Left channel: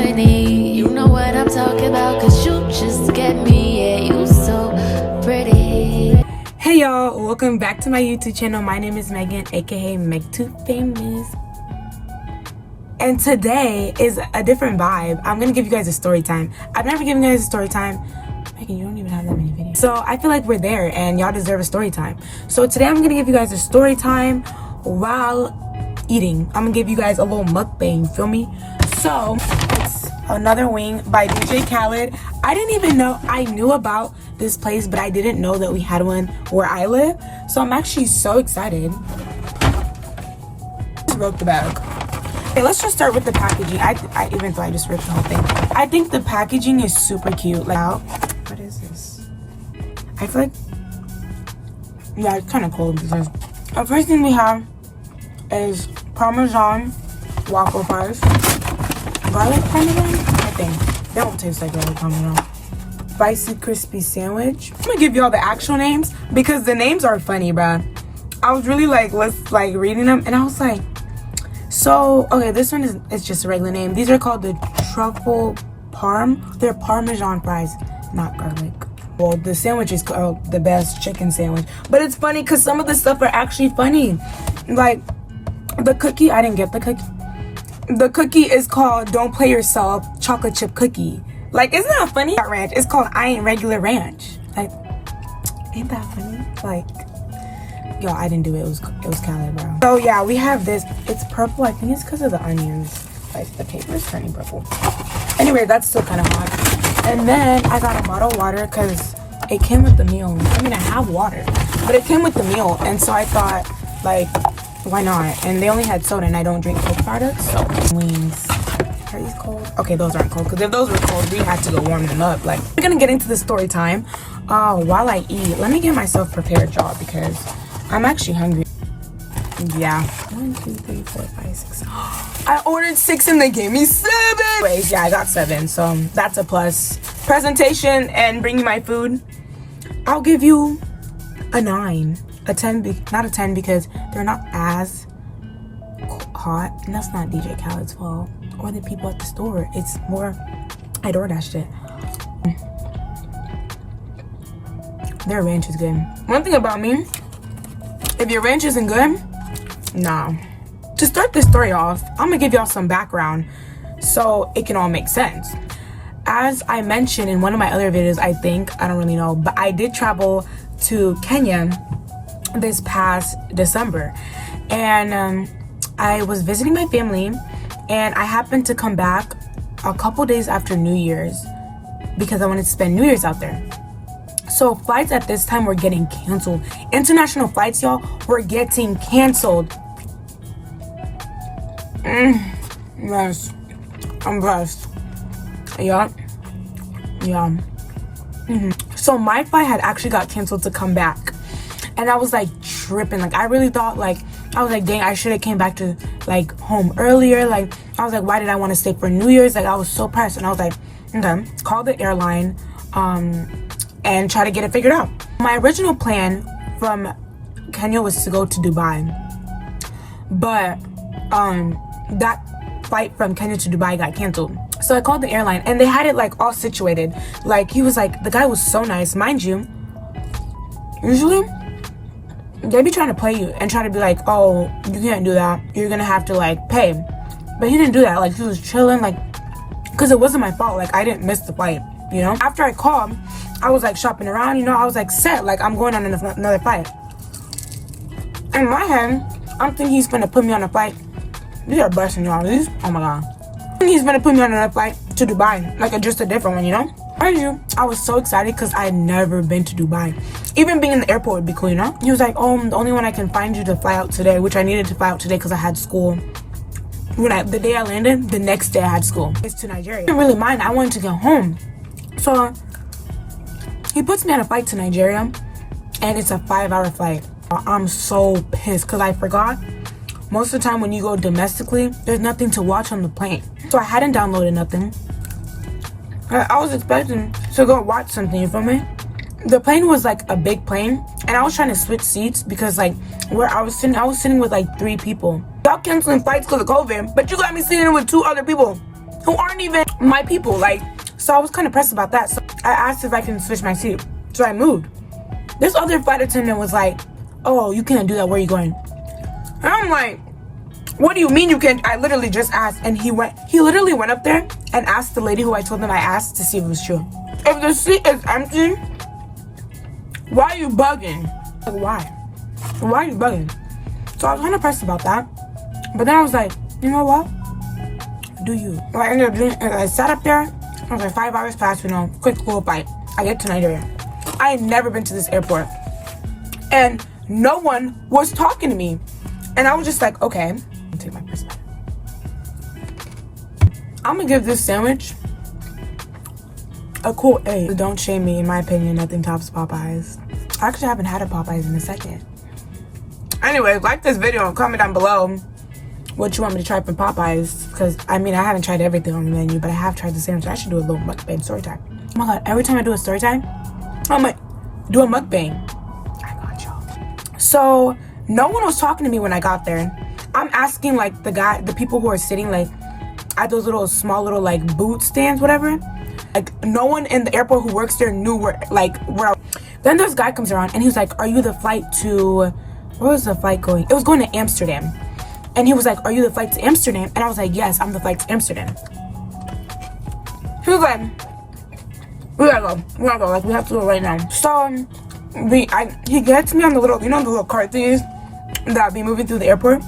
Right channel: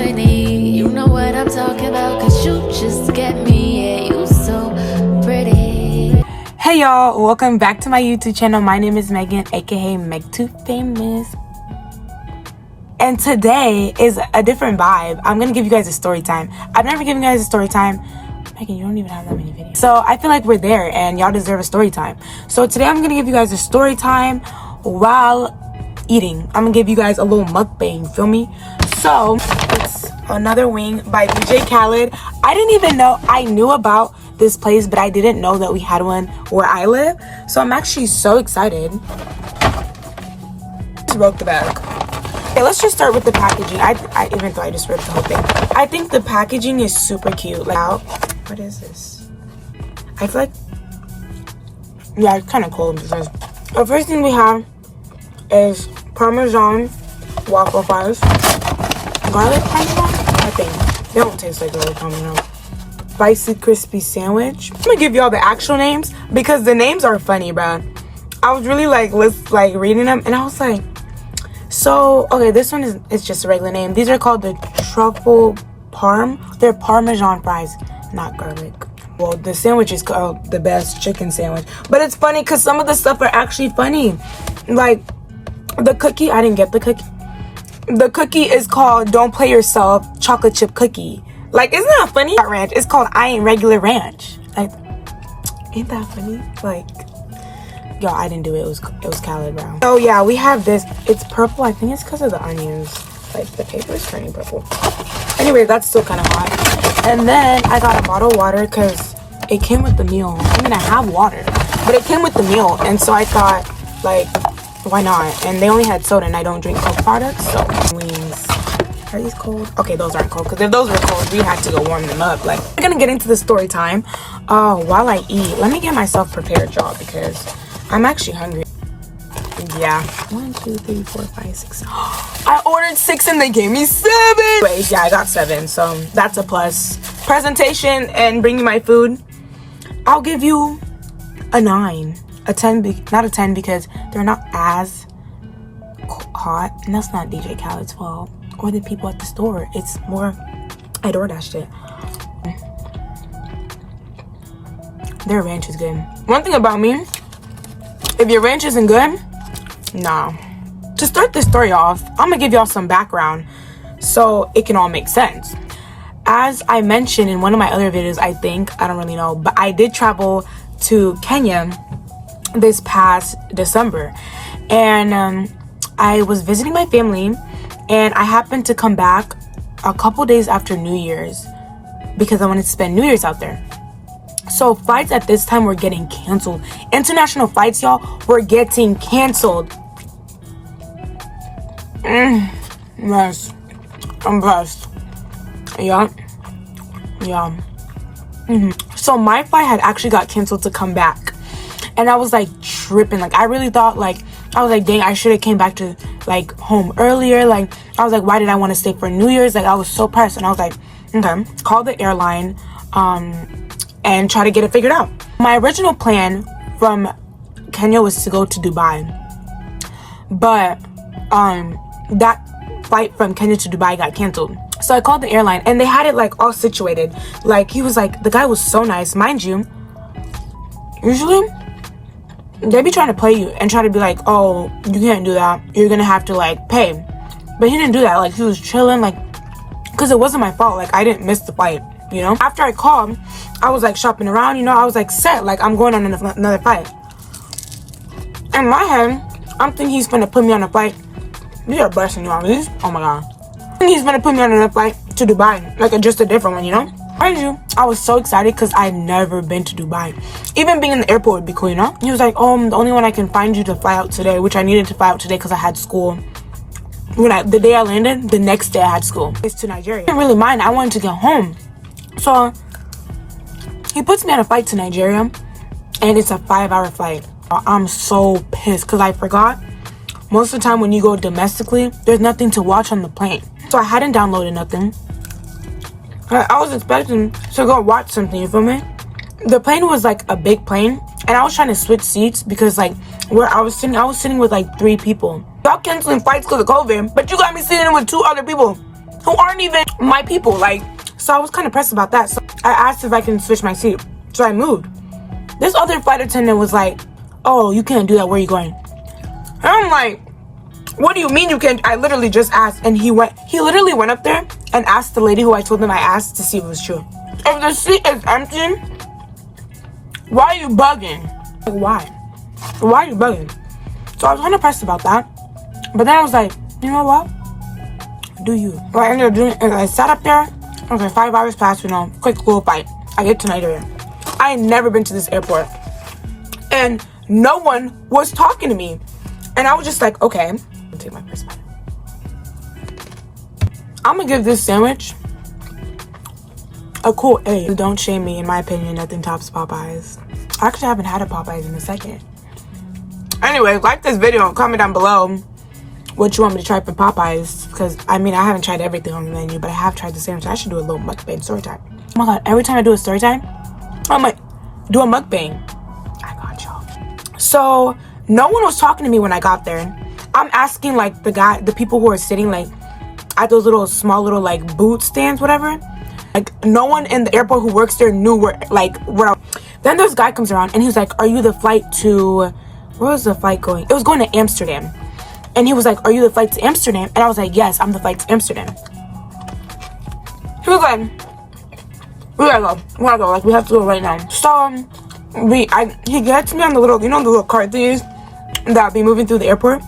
plenty. You know what I'm talking about, cause you just get me. Yeah, you so pretty. Hey y'all, welcome back to my YouTube channel. My name is Megan, aka Meg2Famous. And today is a different vibe. I'm gonna give you guys a story time. I've never given you guys a story time. Megan, you don't even have that many videos. So I feel like we're there and y'all deserve a story time. So today I'm gonna give you guys a story time while eating. I'm gonna give you guys a little mukbang, feel me? So it's another wing by DJ Khaled. I didn't even know, I knew about this place, but I didn't know that we had one where I live. So I'm actually so excited. Just broke the bag. Okay, let's just start with the packaging. I even though I just ripped the whole thing, I think the packaging is super cute. Like, what is this? I feel like, yeah, it's kind of cold because the first thing we have is Parmesan waffle fries, garlic Parmesan. I think they don't taste like garlic Parmesan. Spicy crispy sandwich. I'm gonna give y'all the actual names because the names are funny, bruh. I was really like reading them and I was like, so okay, this one is just a regular name. These are called the truffle parm. They're Parmesan fries, not garlic. Well, the sandwich is called the best chicken sandwich, but it's funny because some of the stuff are actually funny. Like the cookie, I didn't get the cookie. The cookie is called Don't Play Yourself chocolate chip cookie. Like, isn't that funny? Ranch. It's called I Ain't Regular Ranch. Like, ain't that funny? Like, yo, I didn't do it. It was Khaled, bro. So yeah, we have this. It's purple. I think it's because of the onions. Like, the paper is turning purple. Anyway, that's still kind of hot. And then I got a bottle of water because it came with the meal. I mean, I have water, but it came with the meal, and so I thought, like, why not? And they only had soda, and I don't drink Coke products, so wings. Are these cold? Okay, those aren't cold, because if those were cold, we had to go warm them up. Like, we're gonna get into the story time while I eat. Let me get myself prepared, y'all, because I'm actually hungry. Yeah. 1, 2, 3, 4, 5, 6. I ordered 6 and they gave me 7. Wait, yeah, I got 7, so that's a plus. Presentation and bringing my food, I'll give you a 9. A 10, not a 10 because they're not as hot, and that's not DJ Khaled's fault or the people at the store. It's more, I DoorDashed it. Their ranch is good. One thing about me, if your ranch isn't good, nah. To start this story off, I'm gonna give y'all some background so it can all make sense. As I mentioned in one of my other videos, I don't really know, but I did travel to Kenya this past December, and I was visiting my family, and I happened to come back a couple days after New Year's because I wanted to spend New Year's out there. So flights at this time were getting canceled. International flights, y'all, were getting canceled. Yes, I'm blessed. Yeah. So my flight had actually got canceled to come back, and I was like tripping. Like, I really thought, like, I was like, dang, I should have came back to like home earlier. Like, I was like, why did I want to stay for New Year's? Like, I was so pressed, and I was like, okay, call the airline and try to get it figured out. My original plan from Kenya was to go to Dubai, but that flight from Kenya to Dubai got canceled. So I called the airline, and they had it like all situated. Like, he was like, the guy was so nice, mind you. Usually they be trying to play you and try to be like, oh, you can't do that, you're gonna have to like pay. But he didn't do that. Like, he was chilling, like, because it wasn't my fault. Like, I didn't miss the flight, you know. After I called, I was like shopping around, you know. I was like set, like, I'm going on another flight. In my head, I'm thinking he's gonna put me on a flight. These are blessing, y'all. These, oh my god. He's gonna put me on another flight to Dubai, like just a different one, you know. Mind you, I was so excited because I'd never been to Dubai. Even being in the airport would be cool, you know. He was like, oh, the only one I can find you to fly out today, which I needed to fly out today because I had school. The day I landed, the next day I had school. It's to Nigeria. I didn't really mind. I wanted to get home. So he puts me on a flight to Nigeria, and it's a 5-hour flight. I'm so pissed because I forgot. Most of the time when you go domestically, there's nothing to watch on the plane. So I hadn't downloaded nothing. I was expecting to go watch something, you feel me? The plane was like a big plane, and I was trying to switch seats because like where I was sitting with like 3 people. Y'all canceling flights because of COVID, but you got me sitting with 2 other people. who aren't even my people. Like, so I was kind of pressed about that. So I asked if I can switch my seat. So I moved. This other flight attendant was like, oh, you can't do that. Where are you going? And I'm like, what do you mean you can't? I literally just asked. And he literally went up there and asked the lady who I told him I asked to see if it was true. If the seat is empty, why are you bugging? Like, why? Why are you bugging? So I was kind of pressed about that. But then I was like, you know what? Do you? What I ended up doing is I sat up there. It was like 5 hours past, quick cool flight. I get to Nigeria. I had never been to this airport. And no one was talking to me. And I was just like, okay. I'll take my first bite. I'm gonna give this sandwich a cool 8. Don't shame me. In my opinion, nothing tops Popeyes. I actually haven't had a Popeyes in a second. Anyway, like this video and comment down below what you want me to try for Popeyes. Because, I mean, I haven't tried everything on the menu, but I have tried the sandwich. I should do a little mukbang story time. Oh my god, every time I do a story time, I'm like, do a mukbang. I got y'all. So, no one was talking to me when I got there. I'm asking, like, the people who are sitting, like, at those small little, like, boot stands, whatever. Like, no one in the airport who works there knew where. Then this guy comes around, and he's like, are you the flight to... Where was the flight going? It was going to Amsterdam. And he was like, are you the flight to Amsterdam? And I was like, yes, I'm the flight to Amsterdam. He was like, we gotta go. Like, we have to go right now. So, he gets me on the little, the little cart things that be moving through the airport.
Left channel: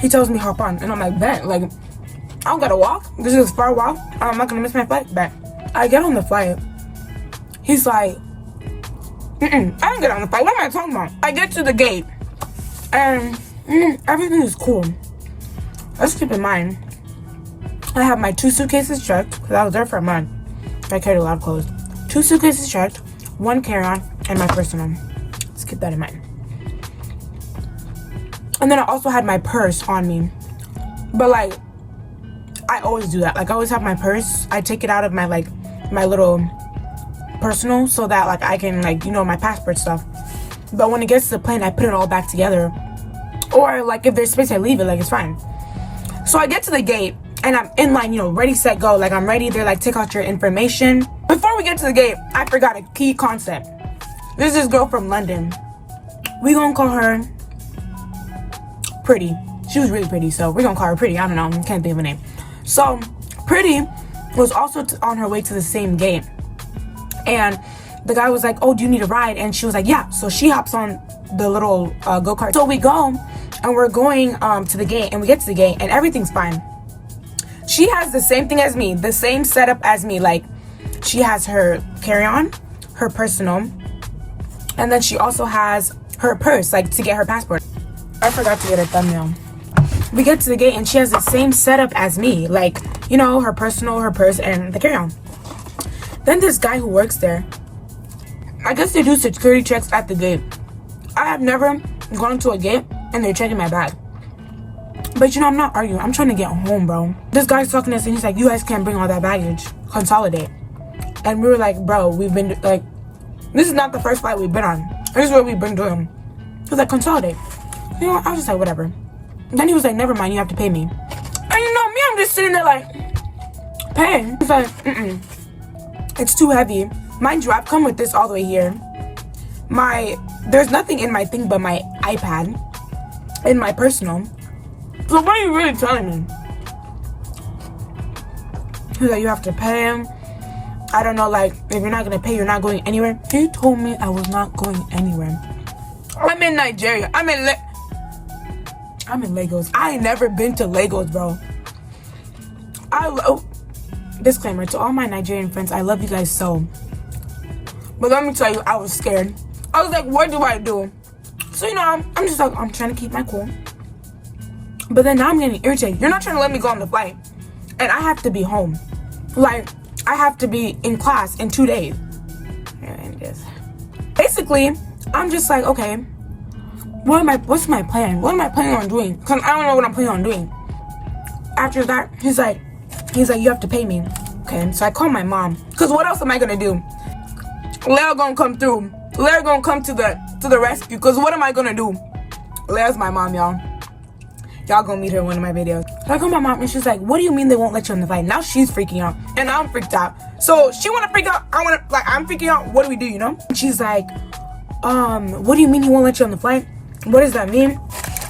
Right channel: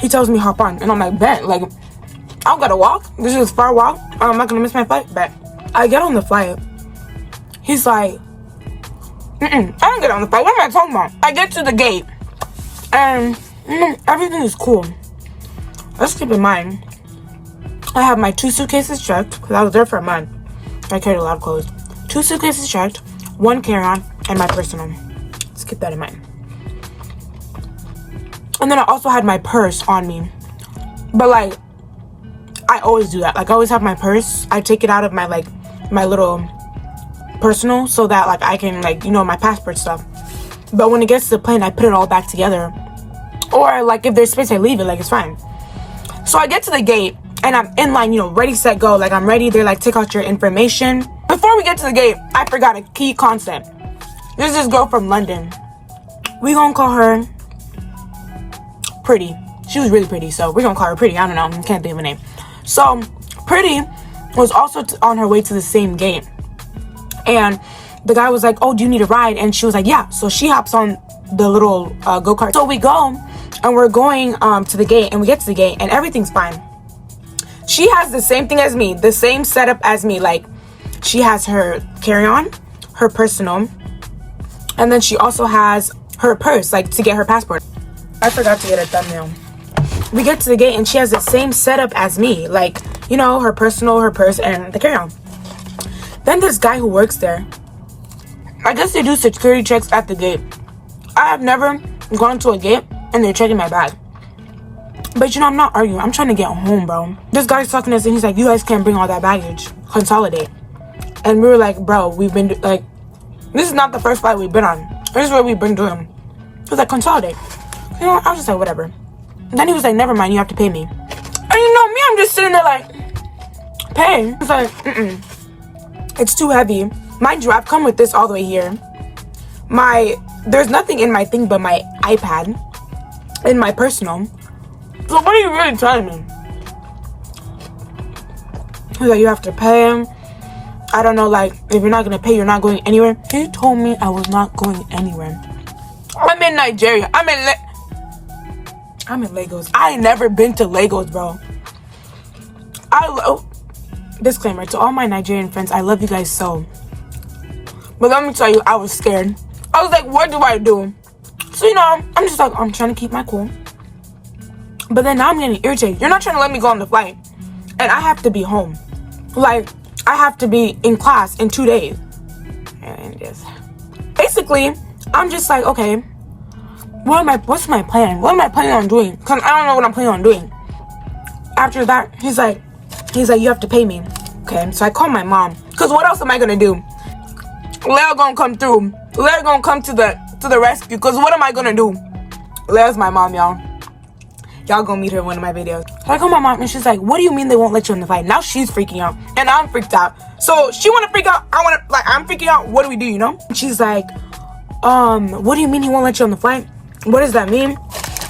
He tells me hop on. And I'm like, bet. Like, I don't gotta walk. This is a far walk. I'm not gonna miss my flight. Bet. I get on the flight. He's like, I don't get on the flight. What am I talking about? I get to the gate. And, everything is cool. Let's keep in mind, I have my 2 suitcases checked, because I was there for a month. I carried a lot of clothes. 2 suitcases checked, 1 carry-on, and my personal. Let's keep that in mind. And then I also had my purse on me. But, like, I always do that. Like, I always have my purse. I take it out of my, like, my little personal so that, like, I can, like, my passport stuff. But when it gets to the plane, I put it all back together. Or, like, if there's space, I leave it. Like, it's fine. So I get to the gate, and I'm in line, ready, set, go. Like, I'm ready. They're like, take out your information. Before we get to the gate, I forgot a key concept. There's this girl from London. We gonna call her Pretty. She was really pretty, so we're gonna call her Pretty. I don't know. Can't think of a name. So, Pretty was also on her way to the same gate. And the guy was like, oh, do you need a ride? And she was like, yeah. So she hops on the little go-kart. So we go, and we're going to the gate, and we get to the gate, and everything's fine. She has the same thing as me, the same setup as me. Like, she has her carry-on, her personal, and then she also has her purse, like, to get her passport. I forgot to get a thumbnail. We get to the gate, and she has the same setup as me. Like, her personal, her purse, and the carry-on. Then this guy who works there, I guess they do security checks at the gate. I have never gone to a gate, and they're checking my bag. But, I'm not arguing. I'm trying to get home, bro. This guy's talking to us, and he's like, you guys can't bring all that baggage. Consolidate. And we were like, bro, we've been, like, this is not the first flight we've been on. This is what we've been doing. He was like, consolidate. I was just like, whatever. And then he was like, never mind, you have to pay me. And me, I'm just sitting there like, pay? He's like, it's too heavy. Mind you, I've come with this all the way here. There's nothing in my thing but my iPad and my personal. So what are you really telling me? He's like, you have to pay him. I don't know, like, if you're not going to pay, you're not going anywhere. He told me I was not going anywhere. I'm in Nigeria. I'm in Lagos. I ain't never been to Lagos, bro. Disclaimer to all my Nigerian friends, I love you guys so. But let me tell you, I was scared. I was like, what do I do? So, I'm just like, I'm trying to keep my cool. But then now I'm getting irritated. You're not trying to let me go on the flight. And I have to be home. Like, I have to be in class in 2 days. And yes. Basically, I'm just like, okay, what's my plan? What am I planning on doing? Because I don't know what I'm planning on doing. After that, he's like, you have to pay me. Okay, so I call my mom. Because what else am I going to do? Leia gonna come through. Leia gonna come to the rescue. Because what am I going to do? Leia's my mom, y'all. Y'all gonna meet her in one of my videos. So I call my mom and she's like, what do you mean they won't let you on the flight? Now she's freaking out and I'm freaked out. So she wanna freak out, I'm freaking out. What do we do, you know? She's like, what do you mean he won't let you on the flight? What does that mean?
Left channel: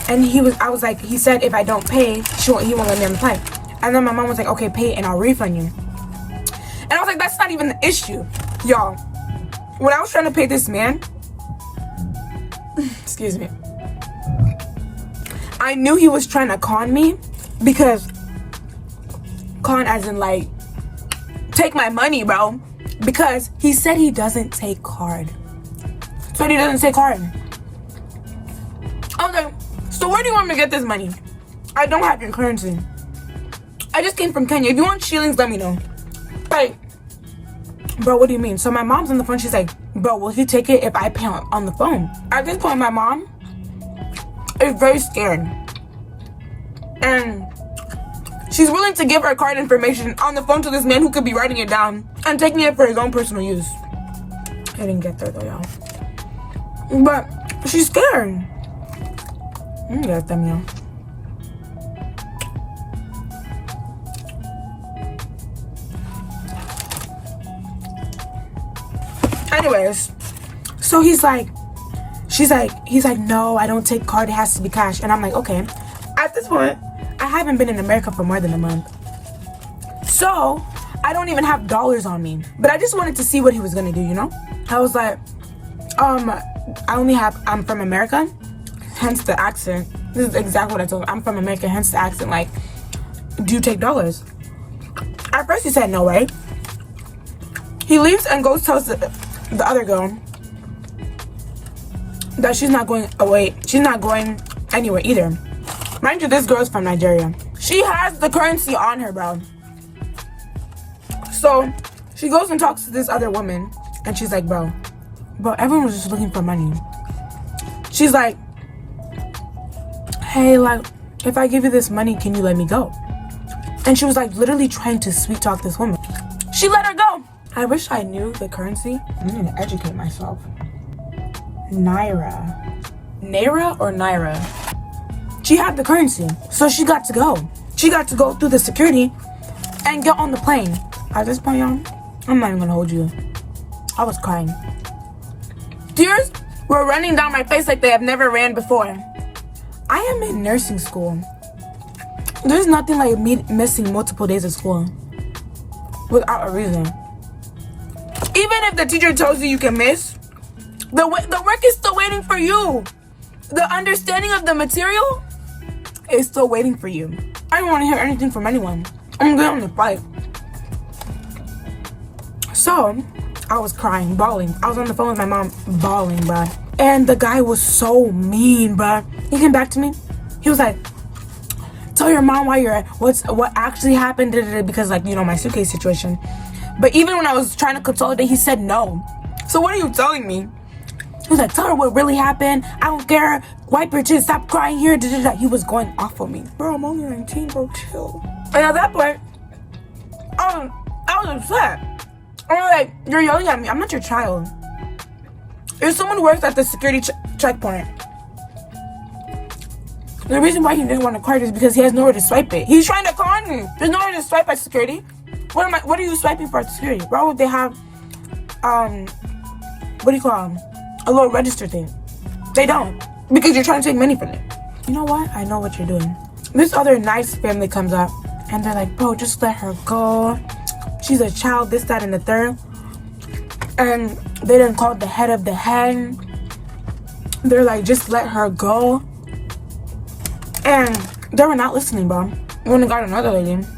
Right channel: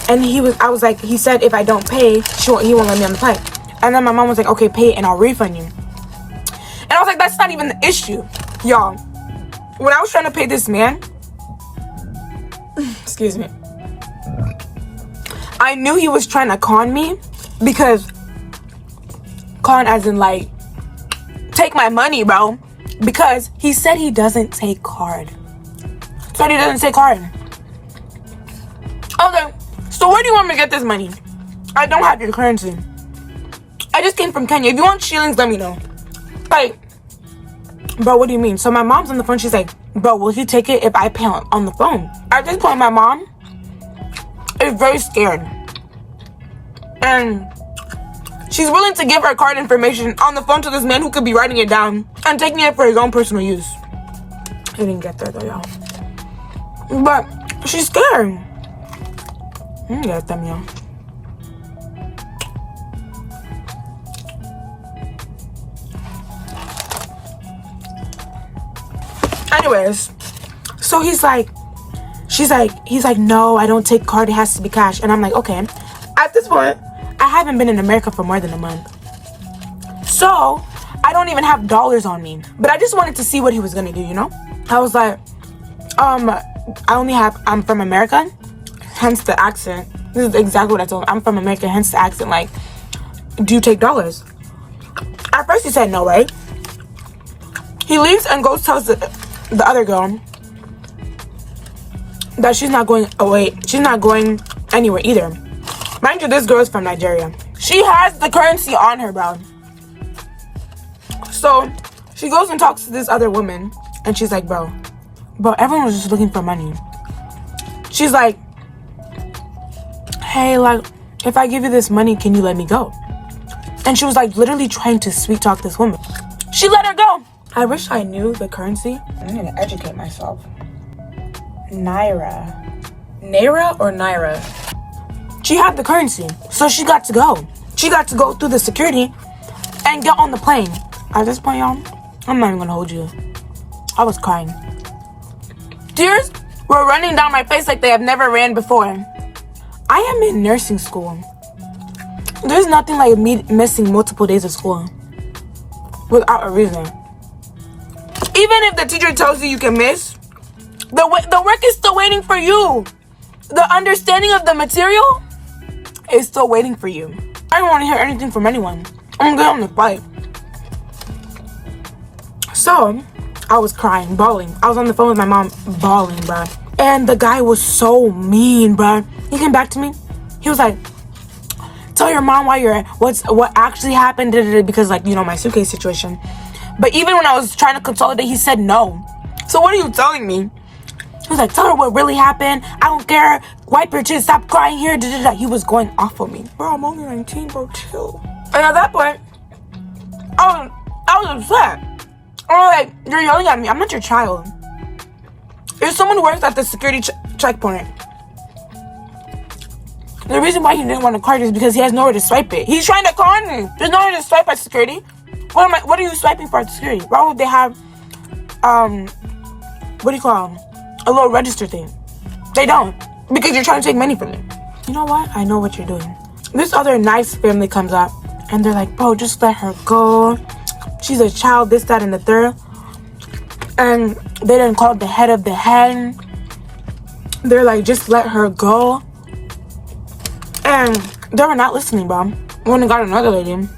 And I was like, he said if I don't pay, he won't let me on the flight. And then my mom was like, okay, pay it and I'll refund you. And I was like, that's not even the issue. Y'all, when I was trying to pay this man, excuse me, I knew he was trying to con me, because con as in like, take my money, bro. Because he said he doesn't take card. Said he doesn't take card. Okay, so where do you want me to get this money? I don't have your currency. I just came from Kenya. If you want shillings, let me know. Like, bro, what do you mean? So my mom's on the phone. She's like, bro, will he take it if I pay on the phone? At this point, my mom is very scared. And she's willing to give her card information on the phone to this man who could be writing it down and taking it for his own personal use. I didn't get there though, y'all. But she's scared. Get them, y'all. Anyways, so he's like, no, I don't take card, it has to be cash. And I'm like, okay. At this point, I haven't been in America for more than a month. So, I don't even have dollars on me. But I just wanted to see what he was gonna do, you know? I was like, I'm from America, hence the accent. This is exactly what I told him. I'm from America, hence the accent. Like, do you take dollars? At first he said no, right? He leaves and goes tells the other girl that she's not going away. She's not going anywhere either. Mind you, this girl is from Nigeria. She has the currency on her, bro. So she goes and talks to this other woman, and she's like, bro, everyone was just looking for money. She's like, hey, like, if I give you this money, can you let me go? And she was like literally trying to sweet talk this woman. She let her go. I wish I knew the currency. I'm gonna educate myself. Naira or Naira? She had the currency, so she got to go. She got to go through the security and get on the plane. At this point, y'all, I'm not even gonna hold you. I was crying. Tears were running down my face like they have never ran before. I am in nursing school. There's nothing like me missing multiple days of school without a reason. Even if the teacher tells you can miss, the work is still waiting for you. The understanding of the material is still waiting for you. I don't want to hear anything from anyone. I'm going on the flight. So, I was crying, bawling. I was on the phone with my mom, bawling, bruh. And the guy was so mean, bruh. He came back to me. He was like, tell your mom what actually happened, because, like, you know, my suitcase situation. But even when I was trying to consolidate, he said no. So what are you telling me? He was like, tell her what really happened. I don't care. Wipe your chin. Stop crying here. He was going off on me. Bro, I'm only 19, bro. Chill. And at that point, I was upset. I was like, you're yelling at me. I'm not your child. You're someone who works at the security checkpoint. The reason why he didn't want a card is because he has nowhere to swipe it. He's trying to con me. There's nowhere to swipe at security. What are you swiping for at security? Why would they have, what do you call them? A little register thing. They don't. Because you're trying to take money from me. You know what? I know what you're doing. This other nice family comes up, and they're like, bro, just let her go. She's a child, this, that, and the third. And they didn't call the head of the hen. They're like, just let her go. And they were not listening, bro. When they got another lady.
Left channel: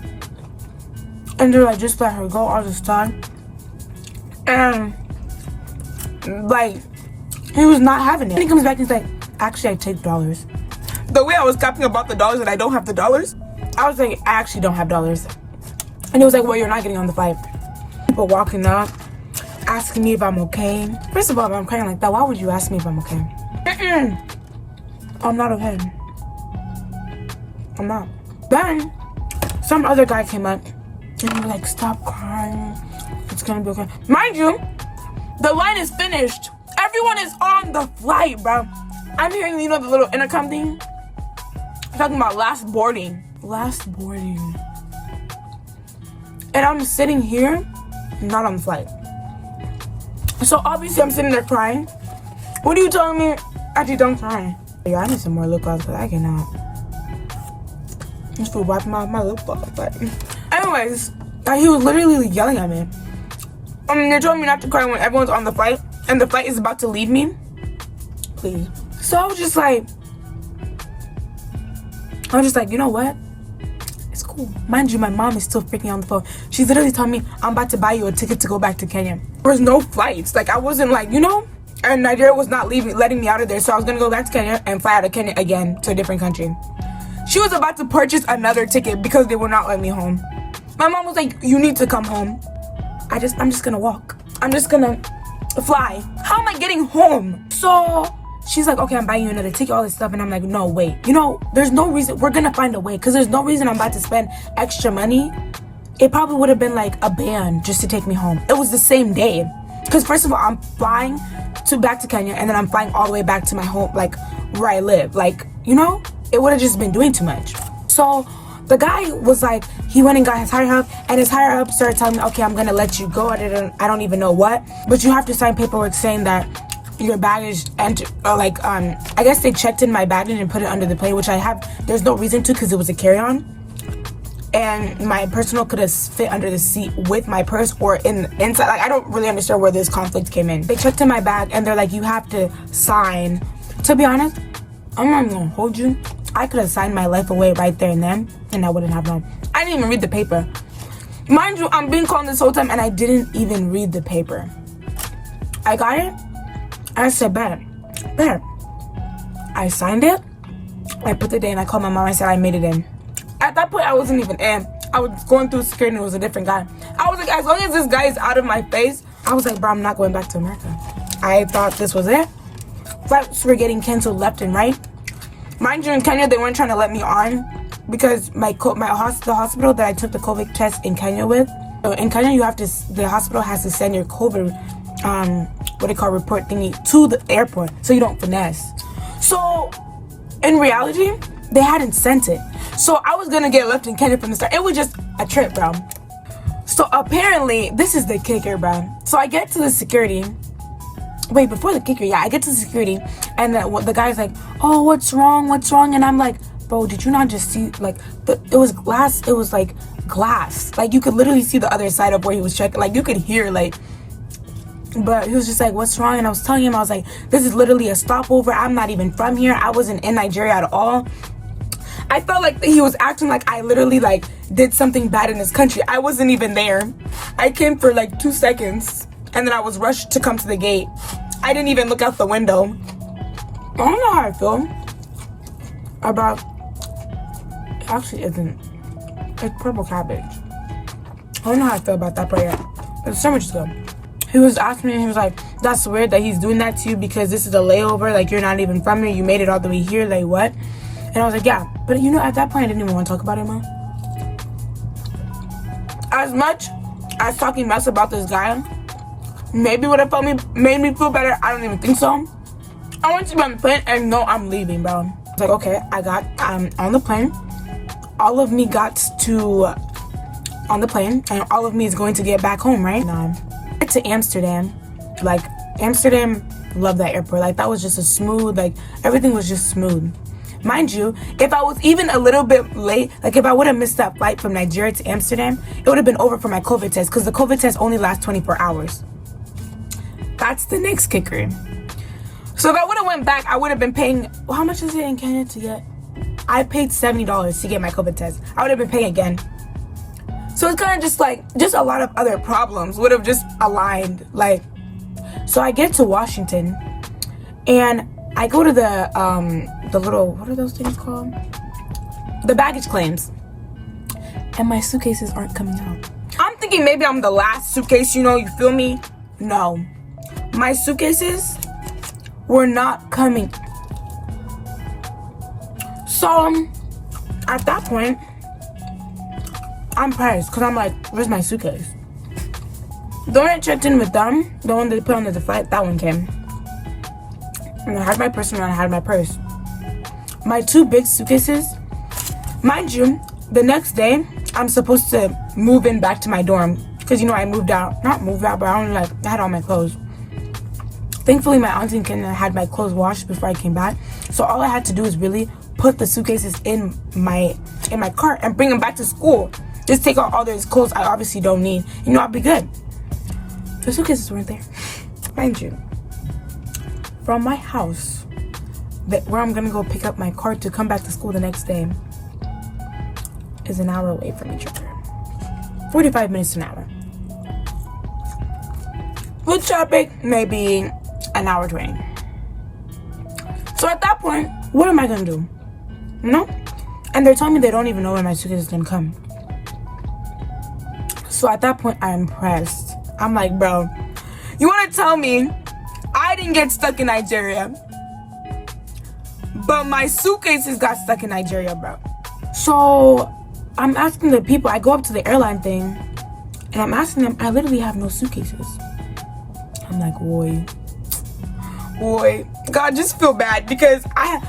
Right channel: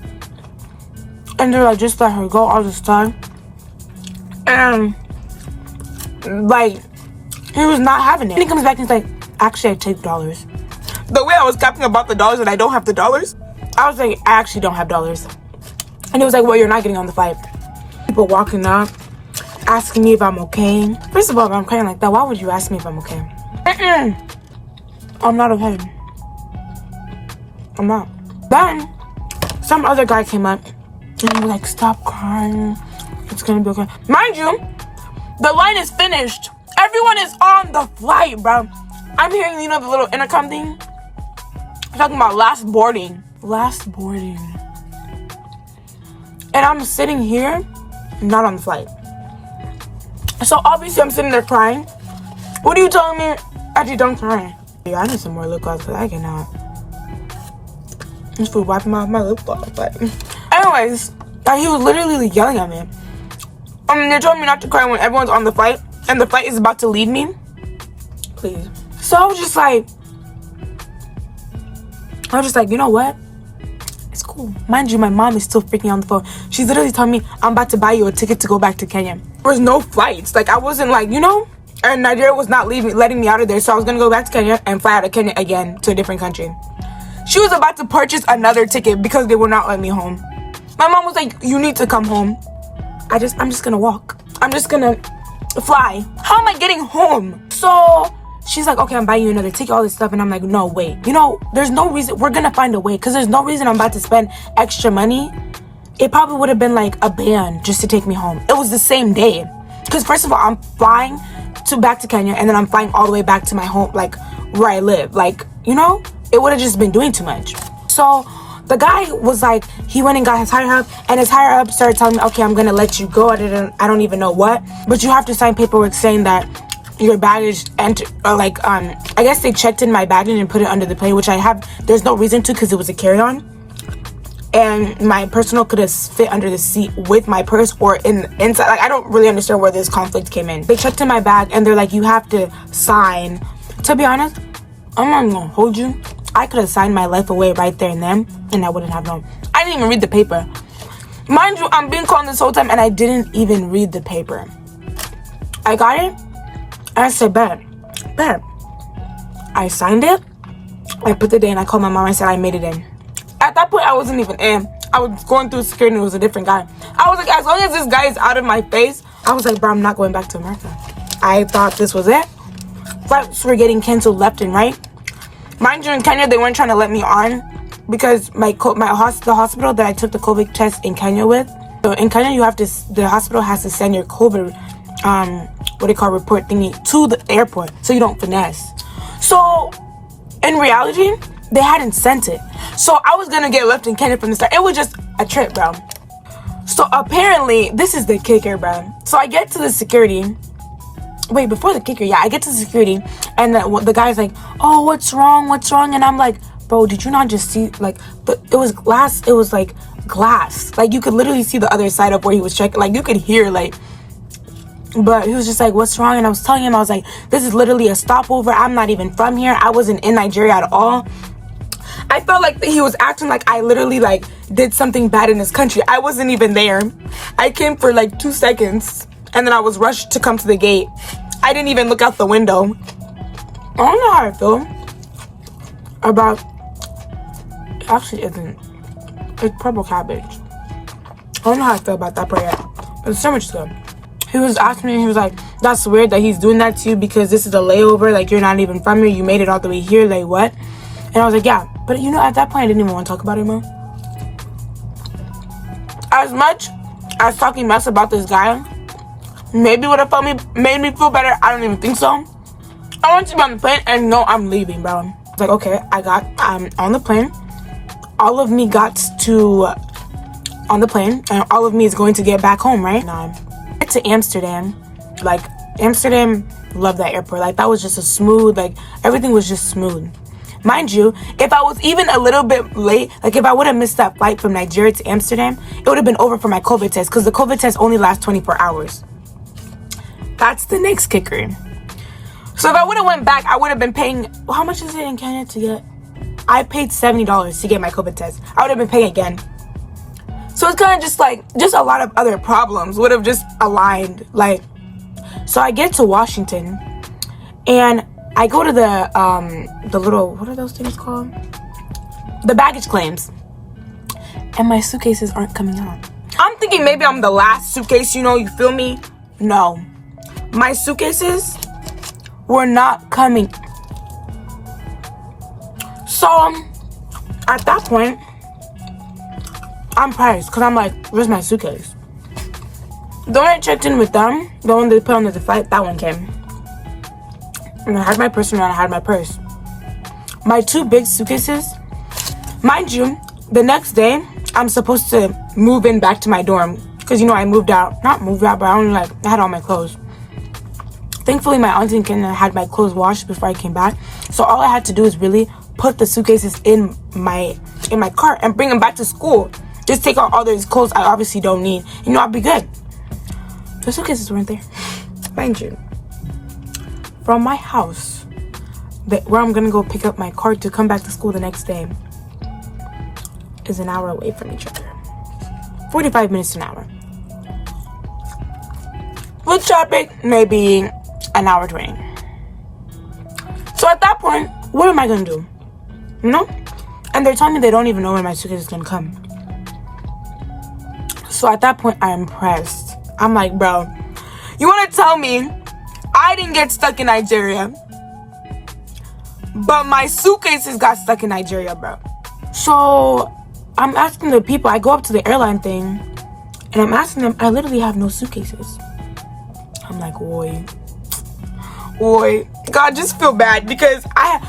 And they're like, just let her go all this time. And, like, he was not having it. And he comes back and he's like, actually, I take dollars. The way I was capping about the dollars and I don't have the dollars, I was like, I actually don't have dollars. And he was like, well, you're not getting on the flight. People walking up, asking me if I'm okay. First of all, if I'm crying like that, why would you ask me if I'm okay? I'm not okay. I'm not. Then, some other guy came up. And I'm like, stop crying. It's gonna be okay. Mind you, the line is finished. Everyone is on the flight, bro. I'm hearing, you know, the little intercom thing. talking about last boarding. Last boarding. And I'm sitting here, not on the flight. So obviously I'm sitting there crying. What are you telling me? Actually, don't cry. Yeah, I need some more lip gloss because I cannot. Just for wiping my lip gloss. But anyways, he was literally yelling at me. They told me not to cry when everyone's on the flight and the flight is about to leave me. Please. So I was just like, you know what? It's cool. Mind you, my mom is still freaking on the phone. She's literally telling me, I'm about to buy you a ticket to go back to Kenya. There was no flights. Like, I wasn't like, you know? And Nigeria was not letting me out of there. So I was going to go back to Kenya and fly out of Kenya again to a different country. She was about to purchase another ticket because they would not let me home. My mom was like, you need to come home. I'm just going to walk. I'm just going to fly. How am I getting home? So she's like, okay, I'm buying you another ticket, all this stuff. And I'm like, no, wait. You know, there's no reason. We're going to find a way because there's no reason I'm about to spend extra money. It probably would have been like a band just to take me home. It was the same day. Because first of all, I'm flying back to Kenya and then I'm flying all the way back to my home, like where I live. Like, you know, it would have just been doing too much. So the guy was like, he went and got his higher up, and his higher up started telling me, okay, I'm gonna let you go. I don't even know what, but you have to sign paperwork saying that your baggage I guess they checked in my baggage and put it under the plane, which I have. There's no reason to because it was a carry-on, and my personal could have fit under the seat with my purse or inside. Like, I don't really understand where this conflict came in. They checked in my bag and they're like, you have to sign. To be honest, I'm not gonna hold you. I could have signed my life away right there and then, and I wouldn't have known. I didn't even read the paper. Mind you, I'm being called this whole time and I didn't even read the paper. I got it. I said, bet. I signed it. I put the day and I called my mom. I said I made it in. At that point, I wasn't even in. I was going through security and it was a different guy. I was like, as long as this guy is out of my face, I was like, bro, I'm not going back to America. I thought this was it. Flights were getting canceled left and right. Mind you, in Kenya, they weren't trying to let me on because the hospital that I took the COVID test in Kenya with. So in Kenya, the hospital has to send your COVID, report thingy to the airport so you don't finesse. So in reality, they hadn't sent it. So I was gonna get left in Kenya from the start. It was just a trip, bro. So apparently, this is the kicker, bro. So I get to the security. Wait, before the kicker, yeah, I get to security, and the guy's like, oh, what's wrong? And I'm like, bro, did you not just see, like, it was glass, like, you could literally see the other side of where he was checking, like, you could hear, like, but he was just like, what's wrong? And I was telling him, I was like, this is literally a stopover, I'm not even from here, I wasn't in Nigeria at all. I felt like he was acting like I literally, like, did something bad in this country. I wasn't even there. I came for, like, 2 seconds. And then I was rushed to come to the gate. I didn't even look out the window. I don't know how I feel about... It actually isn't. It's purple cabbage. I don't know how I feel about that part yet. But the sandwich is good. He was asking me, he was like, that's weird that he's doing that to you because this is a layover. Like, you're not even from here. You made it all the way here. Like, what? And I was like, yeah. But, you know, at that point, I didn't even want to talk about it, man. As much as talking mess about this guy... maybe would have made me feel better. I don't even think so. I want to be on the plane and no, I'm leaving, bro. I was like, okay, on the plane. All of me got to on the plane, and all of me is going to get back home, right? Get to Amsterdam. Like, Amsterdam, love that airport. Like, that was just a smooth, like, everything was just smooth. Mind you, if I was even a little bit late, like if I would have missed that flight from Nigeria to Amsterdam, it would have been over for my COVID test because the COVID test only lasts 24 hours. That's the next kicker. So if I would have went back, I would have been paying, how much is it in Kenya to get? I paid $70 to get my COVID test. I would have been paying again. So it's kind of just like, just a lot of other problems would have just aligned. Like, so I get to Washington and I go to the little, what are those things called? The baggage claims. And my suitcases aren't coming out. I'm thinking maybe I'm the last suitcase, you know, you feel me? No. My suitcases were not coming. So, at that point, I'm priced because I'm like, where's my suitcase? The one I checked in with them, the one they put under the flight, that one came. And I had my purse around, I had my purse. My 2 big suitcases Mind you, the next day, I'm supposed to move in back to my dorm. Because, you know, I moved out. Not moved out, but I had all my clothes. Thankfully, my auntie and had my clothes washed before I came back. So all I had to do is really put the suitcases in my cart and bring them back to school. Just take out all those clothes I obviously don't need. You know, I'll be good. The suitcases weren't there. Mind you, from my house, where I'm gonna go pick up my cart to come back to school the next day, is an hour away from each other. 45 minutes to an hour. With traffic, maybe an hour 20. So at that point, what am I gonna do? You know? And they're telling me they don't even know when my suitcase is gonna come. So at that point, I'm pressed. I'm like, bro, you wanna tell me I didn't get stuck in Nigeria, but my suitcases got stuck in Nigeria, bro? So I'm asking the people, I go up to the airline thing, and I'm asking them, I literally have no suitcases. I'm like, oi, God, just feel bad, because I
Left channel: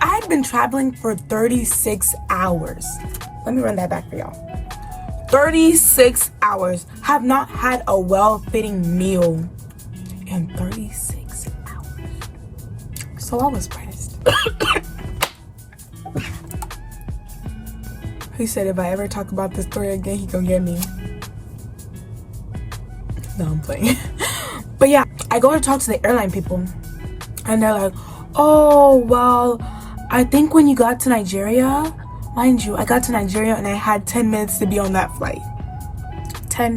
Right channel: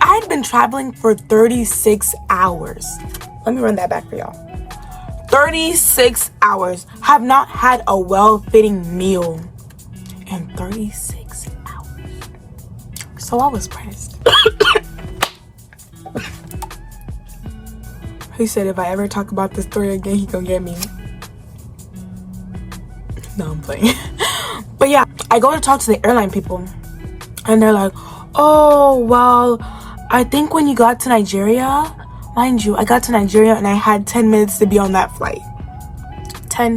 had been traveling for 36 hours. Let me run that back for y'all. 36 hours. Have not had a well-fitting meal in 36 hours. So I was pressed. He said if I ever talk about this story again, he gonna get me. No, I'm playing. But yeah, I go to talk to the airline people, and they're like, oh, well, I think when you got to Nigeria, mind you, I got to Nigeria and I had 10 minutes to be on that flight. Let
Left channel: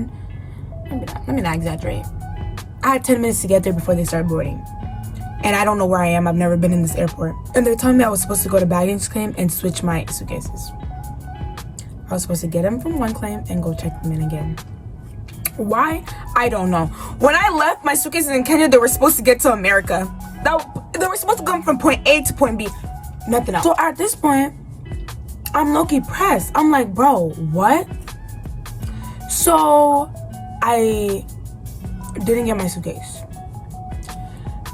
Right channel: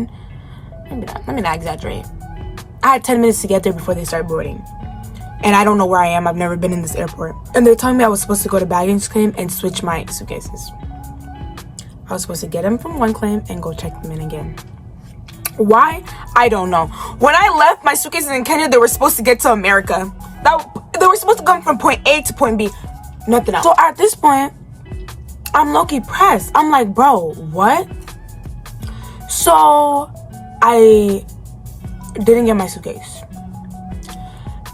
me not exaggerate. I had 10 minutes to get there before they started boarding. And I don't know where I am. I've never been in this airport. And they're telling me I was supposed to go to baggage claim and switch my suitcases. I was supposed to get them from one claim and go check them in again. Why? I don't know. When I left my suitcases in Kenya, they were supposed to get to America. They were supposed to come from point A to point B. Nothing else. So at this point, I'm low-key pressed. I'm like, bro, what? So I didn't get my suitcase.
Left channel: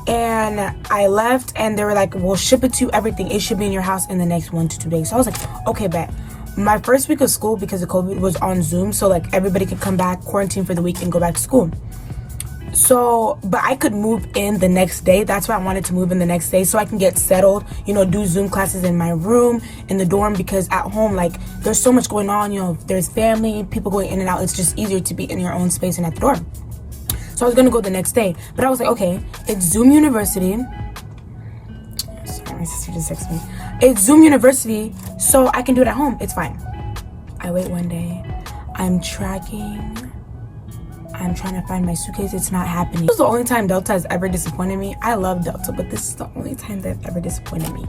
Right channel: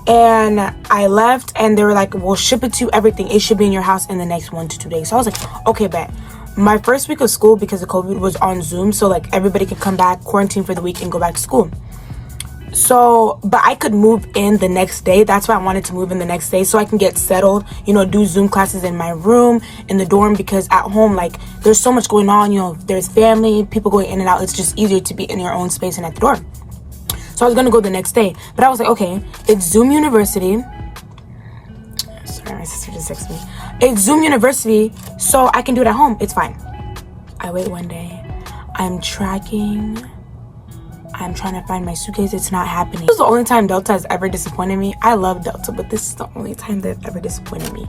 And I left, and they were like, we'll ship it to you, everything. It should be in your house in the next 1 to 2 days. So I was like, okay, bet. My first week of school, because of COVID, was on Zoom. So, like, everybody could come back, quarantine for the week, and go back to school. So, but I could move in the next day. That's why I wanted to move in the next day, so I can get settled, you know, do Zoom classes in my room, in the dorm, because at home, like, there's so much going on, you know, there's family, people going in and out. It's just easier to be in your own space and at the dorm. So I was gonna go the next day, but I was like, okay, it's Zoom University. Sorry, my sister just texted me. It's Zoom University, so I can do it at home. It's fine. I wait one day. I'm tracking. I'm trying to find my suitcase. It's not happening. This is the only time Delta has ever disappointed me. I love Delta, but this is the only time they've ever disappointed me.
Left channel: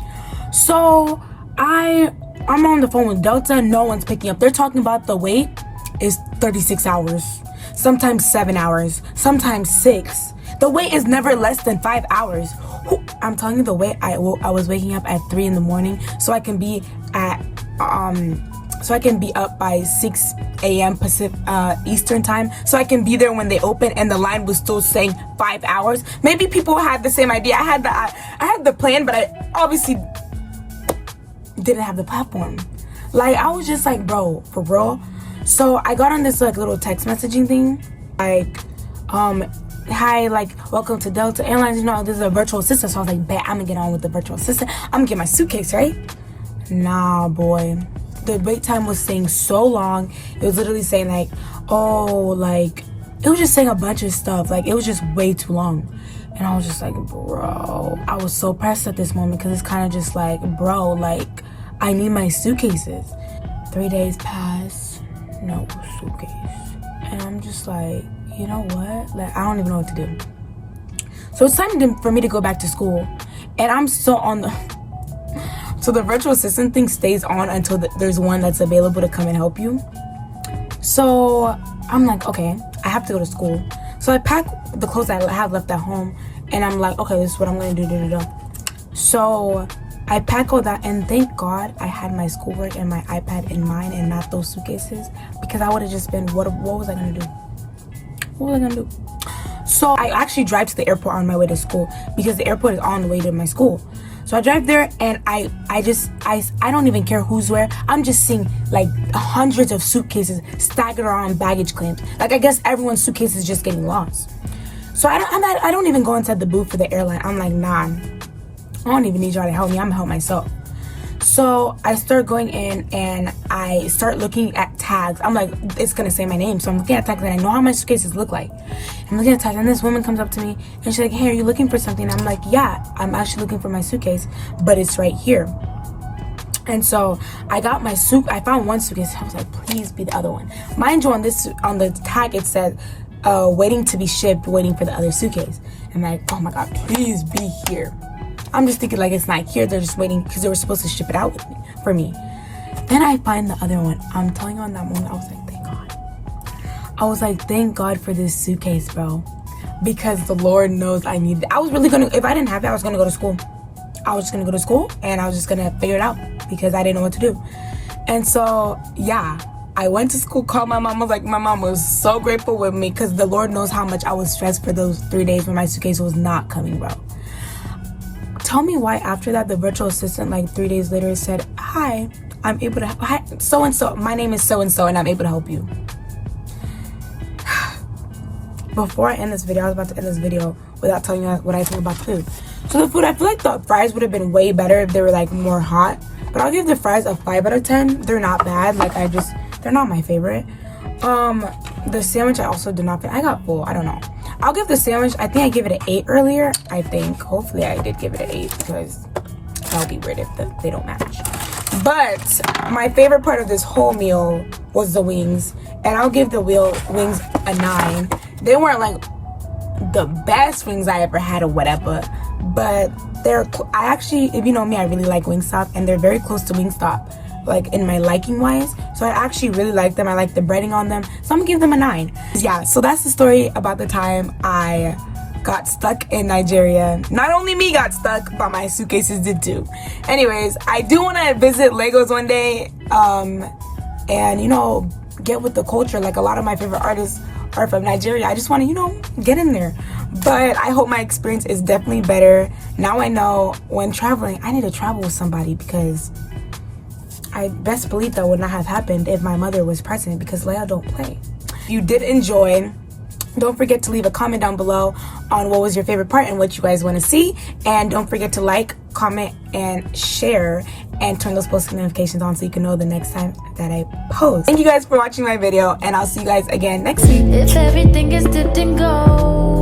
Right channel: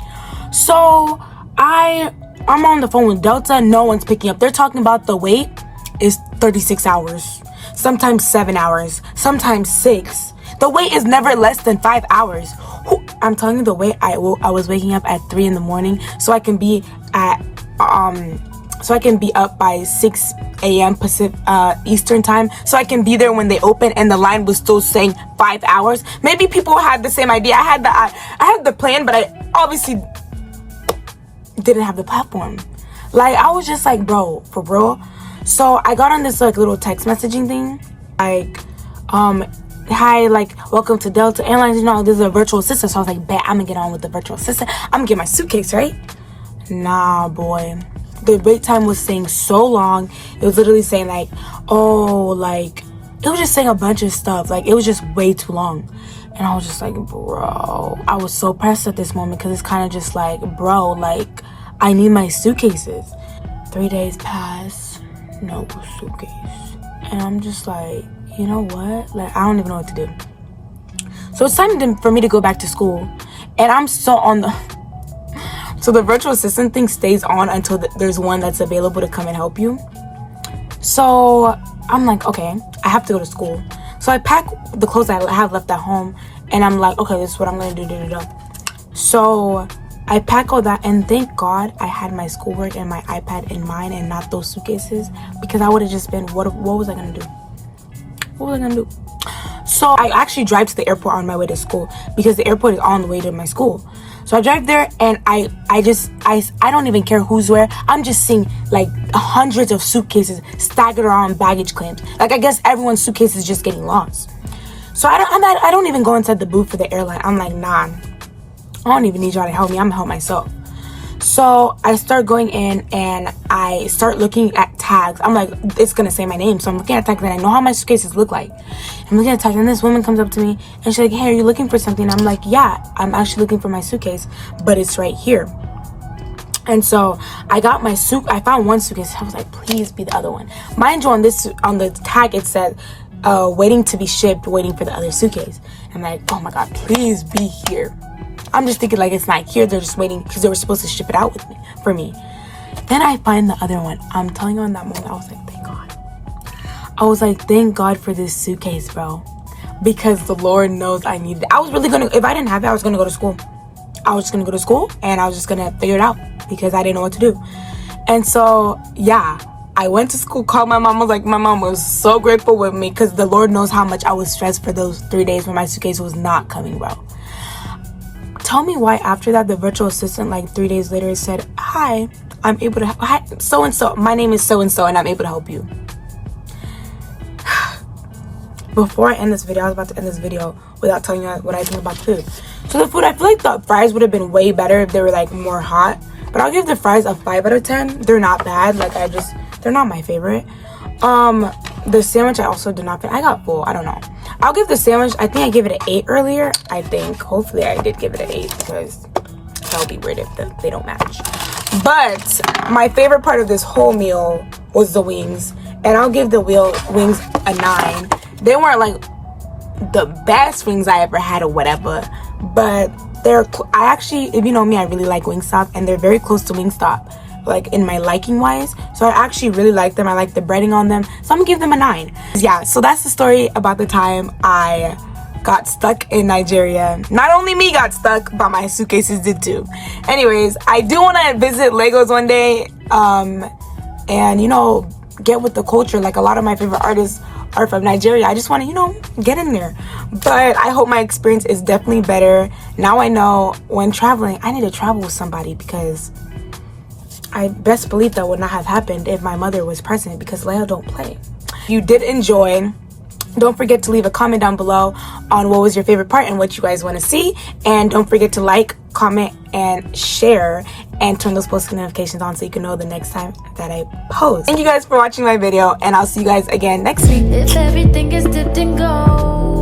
So I'm on the phone with Delta. No one's picking up. They're talking about the wait is 36 hours. Sometimes 7 hours. Sometimes 6. The wait is never less than 5 hours. I'm telling you, the wait, I was waking up at 3 in the morning so I can be up by 6 a.m. Pacific Eastern time, so I can be there when they open, and the line was still saying 5 hours. Maybe people had the same idea. I had the plan, but I obviously didn't have the platform. Like, I was just like, bro, for real. So I got on this like little text messaging thing, like, hi, like, welcome to Delta Airlines. You know, there's a virtual assistant. So I was like, bet, I'm gonna get on with the virtual assistant. I'm gonna get my suitcase, right? Nah, boy. The wait time was saying so long. It was literally saying like, oh, like, it was just saying a bunch of stuff. Like, it was just way too long. And I was just like, bro, I was so pressed at this moment, because it's kind of just like, bro, like, I need my suitcases. 3 days pass, no suitcase. And I'm just like, you know what? Like, I don't even know what to do. So it's time for me to go back to school. And I'm still on the... So the virtual assistant thing stays on until there's one that's available to come and help you. So I'm like, okay, I have to go to school. So I pack the clothes I have left at home, and I'm like, okay, this is what I'm going to do. So I pack all that, and thank God I had my schoolwork and my iPad in mine and not those suitcases, because I would have just been, what was I going to do? What was I going to do? So I actually drive to the airport on my way to school, because the airport is on the way to my school. So I drive there, and I don't even care who's where. I'm just seeing like hundreds of suitcases staggered around baggage claims. Like, I guess everyone's suitcase is just getting lost. So I don't even go inside the booth for the airline. I'm like, nah, I don't even need y'all to help me. I'm gonna help myself. So I start going in, and I start looking at tags. I'm like, it's gonna say my name. So I'm looking at tags, and I know how my suitcases look like. I'm looking at tags, and this woman comes up to me, and she's like, hey, are you looking for something? I'm like, yeah, I'm actually looking for my suitcase, but it's right here. And so I got my I found one suitcase. I was like, please be the other one. Mind you, on the tag, it said, waiting to be shipped, waiting for the other suitcase. I'm like, oh my God, please be here. I'm just thinking like it's not here. They're just waiting because they were supposed to ship it out for me. Then I find the other one. I'm telling you, in that moment, I was like, thank God. I was like, thank God for this suitcase, bro. Because the Lord knows I need it. I was really if I didn't have it, I was going to go to school. I was just going to go to school, and I was just going to figure it out because I didn't know what to do. And so, yeah, I went to school, called my mom. My mom was so grateful with me because the Lord knows how much I was stressed for those 3 days when my suitcase was not coming, bro. Tell me why after that the virtual assistant like 3 days later said, hi, I'm able to hi, so-and-so, my name is so-and-so, and I'm able to help you. Before I end this video, I was about to end this video without telling you what I think about food. So the food, I feel like the fries would have been way better if they were like more hot, but I'll give the fries a 5 out of 10. They're not bad. Like, they're not my favorite. The sandwich I also did not fit. I got full. I don't know. I'll give the sandwich, I think I gave it an 8 earlier. I think. Hopefully I did give it an 8 because that would be weird if they don't match. But my favorite part of this whole meal was the wings. And I'll give the wings a 9. They weren't like the best wings I ever had or whatever. But I actually, if you know me, I really like Wingstop. And they're very close to Wingstop, like in my liking wise. So I actually really like them. I like the breading on them, so I'm gonna give them a 9. Yeah, so that's the story about the time I got stuck in Nigeria. Not only me got stuck, but my suitcases did too. Anyways, I do want to visit Lagos one day, and get with the culture. Like, a lot of my favorite artists are from Nigeria. I just want to get in there. But I hope my experience is definitely better. Now I know when traveling, I need to travel with somebody, because I best believe that would not have happened if my mother was present, because Leia don't play. If you did enjoy, don't forget to leave a comment down below on what was your favorite part and what you guys want to see. And don't forget to like, comment, and share, and turn those post notifications on so you can know the next time that I post. Thank you guys for watching my video, and I'll see you guys again next week. If everything is dipped in gold,